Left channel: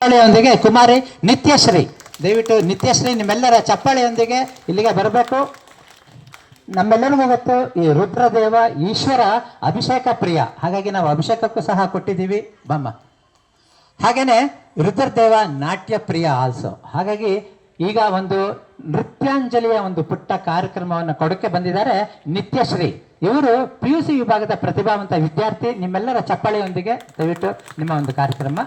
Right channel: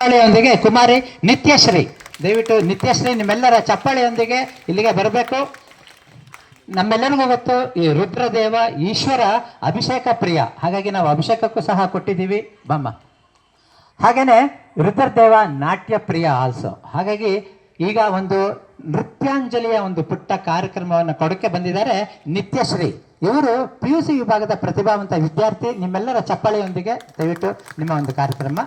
ಚಪ್ಪಾಳೆಯೊಂದಿಗೆ ಕುಮಾರಿ ನಿತ್ಯಶ್ರೀ, ದಯವಿಟ್ಟು ನಿತ್ಯಶ್ರೀ ನಿಮ್ಮೆಲ್ಲರ ಚಪ್ಪಾಳೆಯೊಂದಿಗೆ ಇಲ್ಲಿಗೆ ಬರಬೇಕು. ನಮ್ಮೆಲ್ಲರಿಗೂ ಗೊತ್ತು ಈ ರುದ್ರದೇವ ಈಶ್ವರ ಅಭಿಷೇಕ ಪ್ರಿಯ, ಹಾಗಾಗಿ ನಾವು ಅಭಿಷೇಕಕ್ಕೂ ಸಹ ಕೊಟ್ಟಿದ್ದೀವಿ ಬಮ್ಮ. ಹಾಗೇನೆ ರುದ್ರದೇವ ನಾಟ್ಯ ಪ್ರಿಯ ಆಲ್ಸೋ. ಹಾಗಾಗಿ ಈಗ ಒಂದು ನೃತ್ಯಾಂಜಲಿಯ ಒಂದು ಪುಟ್ಟ ಕಾರ್ಯಕ್ರಮವನ್ನು ಕೊಡಕ್ಕೆ ಬಂದಿದ್ದಾರೆ ನಿತ್ಯಶ್ರೀ. ಇವರು PUC ವಿಭಾಗದ ಪ್ರತಿಭಾವಂತ ವಿದ್ಯಾರ್ಥಿ. ನಿಮ್ಮೆಲ್ಲರ ಚಪ್ಪಾಳೆಯೊಂದಿಗೆ ದಯವಿಟ್ಟು ನಿಮ್ಮ ಒಂದು ಕಾರ್ಯಕ್ರಮ.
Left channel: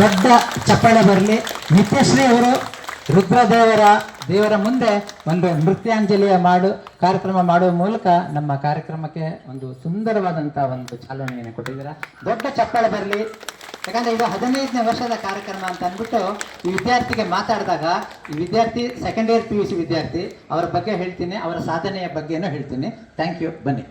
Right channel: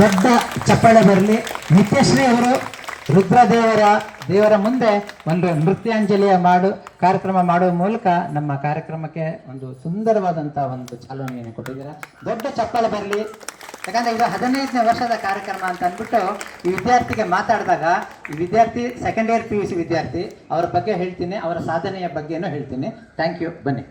ದೊಡ್ಡ ಚಪ್ಪಾಳೆ ಬರಲಿ. ನಿತ್ಯಶ್ರೀ ಅವರು ದೇವರ ಮುಂದೆ ಒಂದು ನೃತ್ಯಾಂಜಲಿಯ ಕಾರ್ಯಕ್ರಮ ಮಾಡುವ ಮೂಲಕ ನಮ್ಮ ಕಾರ್ಯಕ್ರಮಕ್ಕೆ ಒಂದು ಸುಂದರವಾದಂಥ ಒಂದು ಚಾಲನೆಯನ್ನು ಕೊಟ್ಟಿದ್ದೀರಾ. ದೊಡ್ಡ ಚಪ್ಪಾಳೆ ಬರಲಿ. ಯಾಕಂದರೆ ಇದು 15ನೇ ವರ್ಷದ ಕಾರ್ಯಕ್ರಮ ಅಂತ ಅಂದ್ಬಿಟ್ಟು ಈ ವಿದ್ಯಾರ್ಥಿಗೆ ಮಾತಾಡಿದಾಗ, ಈ ವಿದ್ಯಾರ್ಥಿ ಸೆಕೆಂಡ್ ಇಯರ್ PUC ವಿದ್ಯಾರ್ಥಿ, ಅವರ ಬಗ್ಗೆ ಹೇಳ್ತೀನಿ, ಅವರ ಸಾಧನೆಯ ಬಗ್ಗೆನೂ ಹೇಳ್ತೀನಿ. Thank you. ಬನ್ನಿ.